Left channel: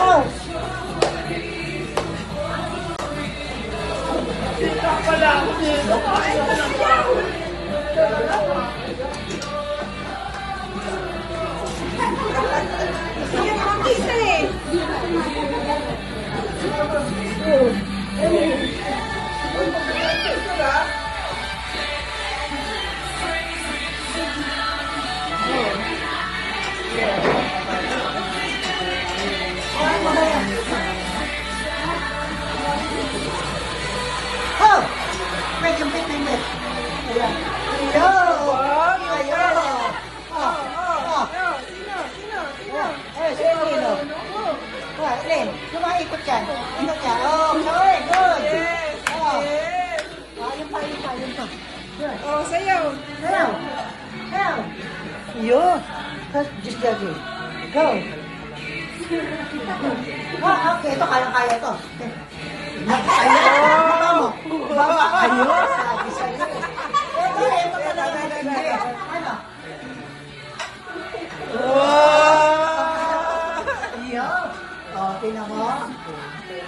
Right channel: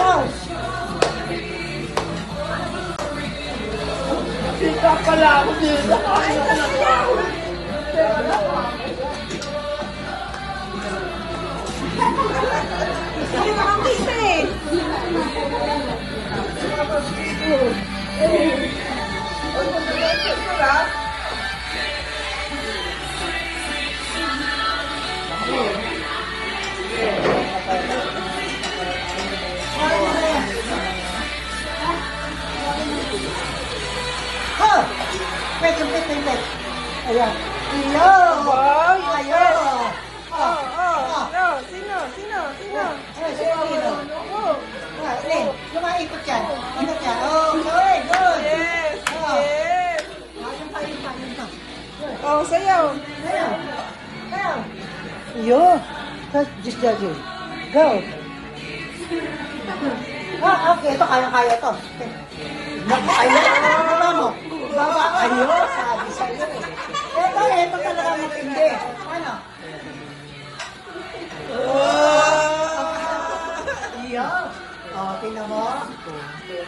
Oh! Kita pala ako dito. Sige naman bisa eh. Oh! Wait, wait. Ayan. Ayaw! Ayaw! Oh! Oh! Eh, sino? Rin, lumaikot yan. Ikot yan. Oh, good, good. Oh. Ayun pa. Oh, sayaw. Ayaw. Yun. Just that way. Go. Okay, ito kaya to. Ayun. Ito ka lang matindi. Ano? Ayun. O, tingnan mo.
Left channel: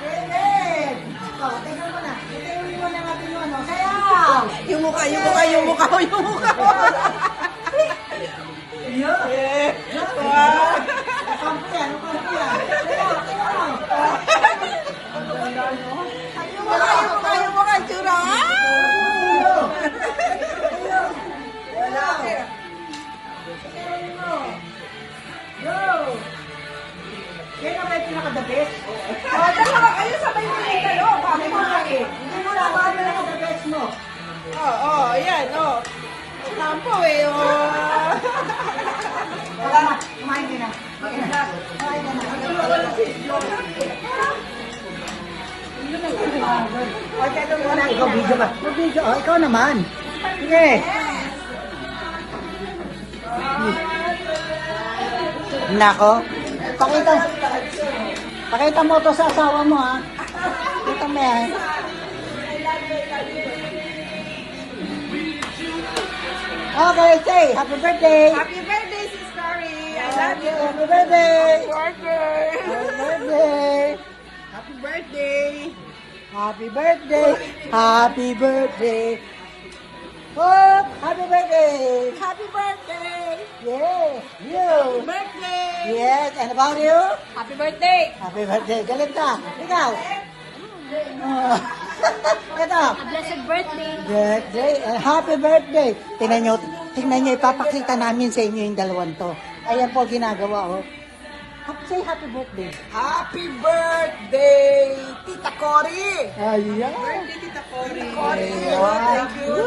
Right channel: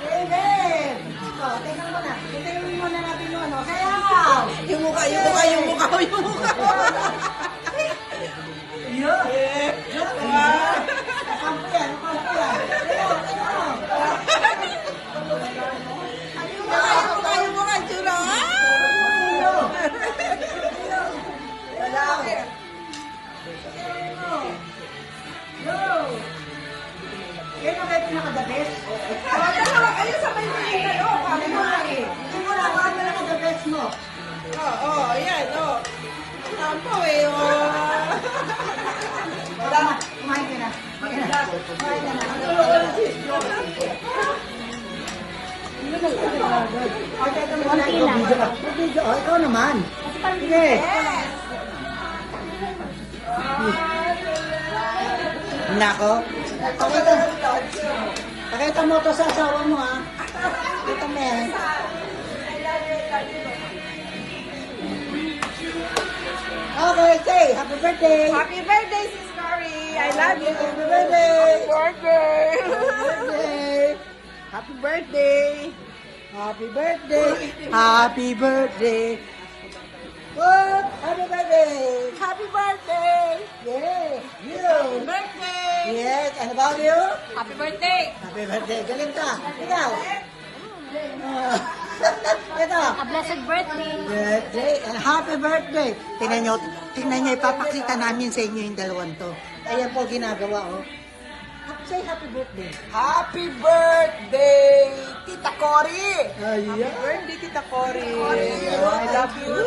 David. O, tingnan mo na. Tingnan mo na natin yung ano. Sayaw. Yung mukha ko. Ayun. Yan ang kayo pinaka-the best. Tawag kayo sa kayo. Hindi mo na ba pinaka-the best mo? Ayan, Sampo eh, Wala na. Kumain ka na. Kumain ka na. Ikaw video ka. Ikaw naman. Sige. Nako. Pakita mo to sa asawa mo, ha? Ito na yan. Okay, say, happy birthday. Happy birthday, Sis Cory. I love you. Happy birthday. Happy birthday. Happy birthday. Happy birthday. Happy birthday. Oh, happy birthday. Happy birthday. Yes. Happy birthday. Yes. And about you? Happy birthday. Happy birthday. Galing ka. Ikaw. A blessed birthday. Birthday. Happy birthday. Tingnan nyo, ipapakita namin sa inyo yung dalawang to. Ayan po ginagawa, oh. Say happy birthday. Happy birthday, Tita Cory. Ayan. Birthday, Tita Cory. I love you.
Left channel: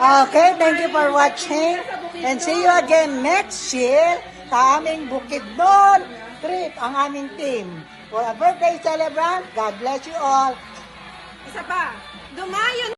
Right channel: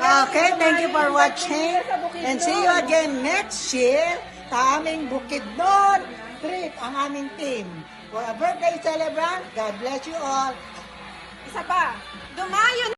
Okay, thank you for watching and see you again next year sa aming Bukidnon trip, ang aming team. For a birthday celebrant, God bless you all. Isa pa, dumayo